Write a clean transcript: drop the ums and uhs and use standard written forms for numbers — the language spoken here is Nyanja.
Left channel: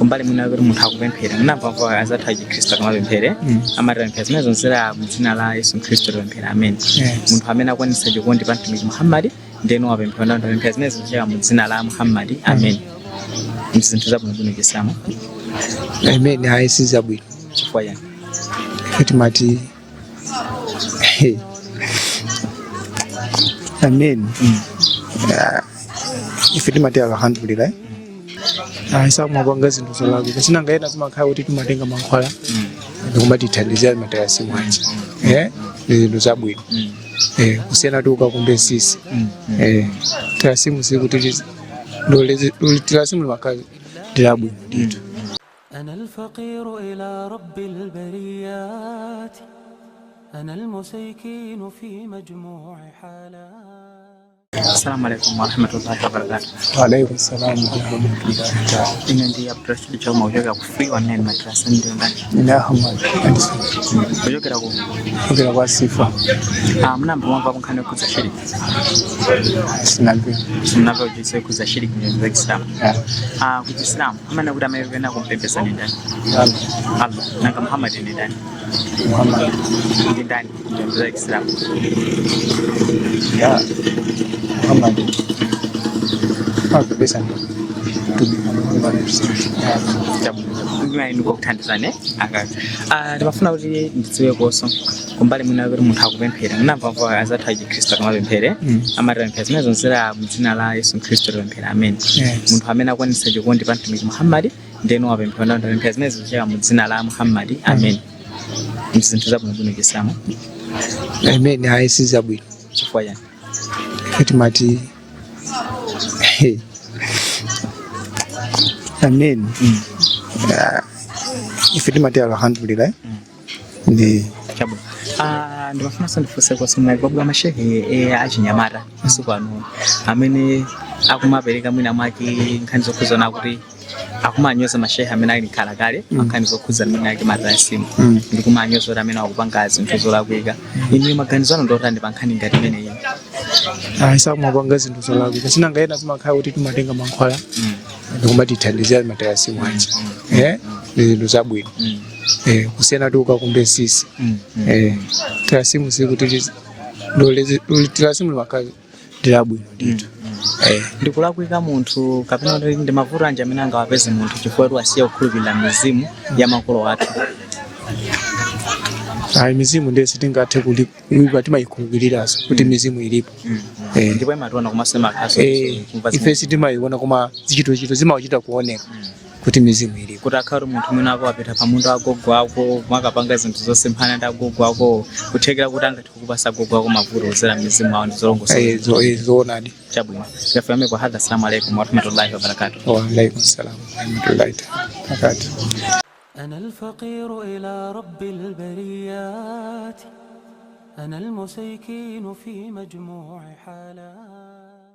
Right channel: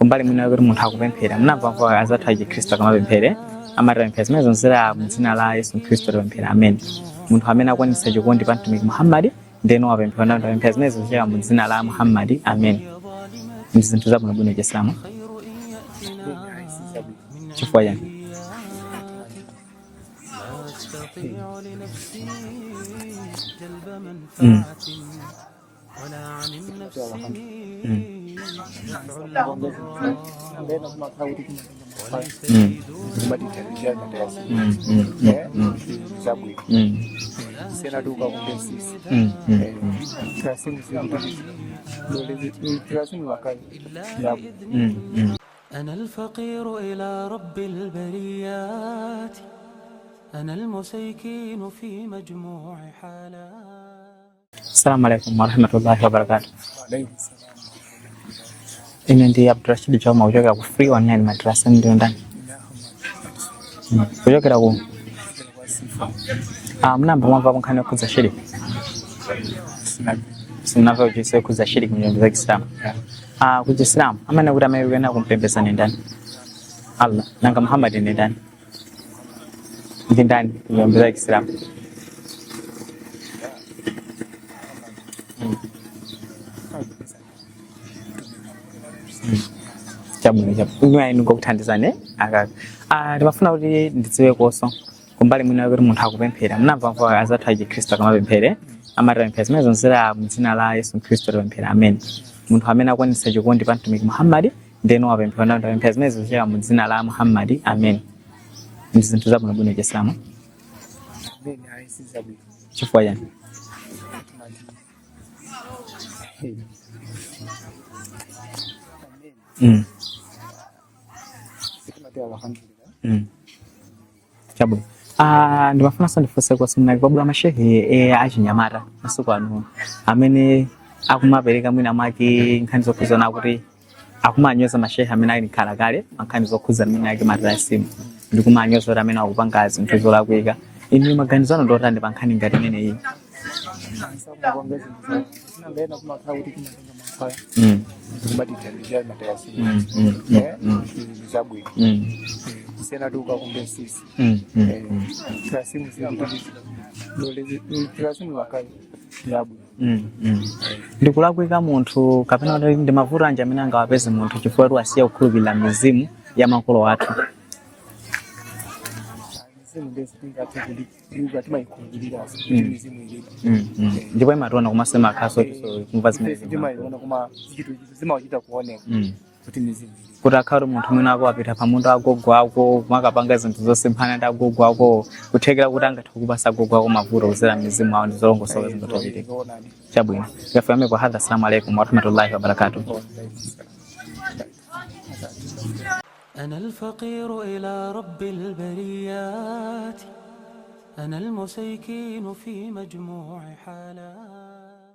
kumbali munaguri muntu akupemphera munamva azathaji Kristo akamapemphere amapemphera zimene zonzera mdzina la Yesu Kristo pemphera amen. Muntu amene akwanisa chikondi pa mtumiki Muhammad ndeno wapemphera ndo pemphera zimene zonzera mdzina la Muhammad amen. Zinthu zabwino Kiislamu amen haisi zabwino chifukwa yani kuti mati amen ife timati alhamdulillah haisa kumabanga zinthu zolako kasina ngaena zimakhala kuti timatenga mankhwala ndikumatithandizira matayasi mwachi zinthu zabwino kusiyana tuka kumbe sisi tasimu sikuti tasimu wakazi dilabwino أنا الفقير إلى رب البريات أنا المسيكين في مجموع حالات. السلام عليكم ورحمة الله وبركاته. وعليكم السلام ورحمة الله وبركاته. Ini ndi Abdurrashid Juma kutoka ku Free Online Madrasa ndio ndani. Kutoka ku kutoka kwa Sifa. Mnamba mwamba kunkhana kuza shiriki. Sinabyo. Sinabyo kujise kuza shiriki ndio Islam. Ku Islam amana kuti amene wena kumpembeza ni ndani. Allah. Nanga Muhammad ni ndani. Muhammad ndi ndani ndio Islam. Ya Muhammad. Kabisa. Jabu nuko kuthandizane akati ndibafuna kuti ndidziwe koso kumbali munaguri muntu akupemphera munamva azathaji Kristo akamapemphere amapemphera zimene zonzera mdzina la Yesu Kristo pemphera amen. Muntu amene akwanisa chikondi pa mtumiki Muhammad ndeno wapemphera ndo pemphera zimene zonzera mdzina la Muhammad amen. Zinthu zabwino Kiislamu amen haisi zabwino chifukwa yani kuti mati amen ife timati alhamdulillah ndi chabu ndibafuna sandifuse kwa sunna babu amashehe achinyamata masuku ano amene akumapereka mwina mwake nkhani zokuzona kuti akumanyoza mashehe amene ali khala kale nkhani zokuza mwina yake madrasa ndi kumanyoza amene akupanga zinthu zolakwika ine maganizano ndotande pa nkhani ngati imene iyi haisa kumabanga zinthu zolako kasina ngaena zimakhala kuti timatenga mankhwala ndikumatithandizira matayasi mwachi zinthu zabwino kusiyana tuka kumbe sisi tasimu sikuti tasimu wakazi dilabwino ndikulakwika munthu kapena ndi mavuto anje amene angawapeze munthu chifukwa asiya kukhulupirira mizimu ya makolo athu. Mizimu ndesi tingathe kulipa timayikhulupiriraso kuti mizimu ilipo ndipo imationa kumasema khaso ife sitimayiona koma zichito zimachita kuoneka kuti mizimu ilipo kuti akhale munthu mwina ako apita pamundo agogo ako makapanga zinthu zosemphana ndi agogo ako kuthekera kuti angathe kupasa agogo ako mavuto kuzera mizimu awo ndizolongosa zoonadi chabwino yafame kwa hadha. Assalamu alaikum warahmatullahi wabarakatuh. Wa alaikum salam warahmatullahi wabarakatuh. أنا الفقير إلى رب البريات أنا المسيكين في مجموع حالات.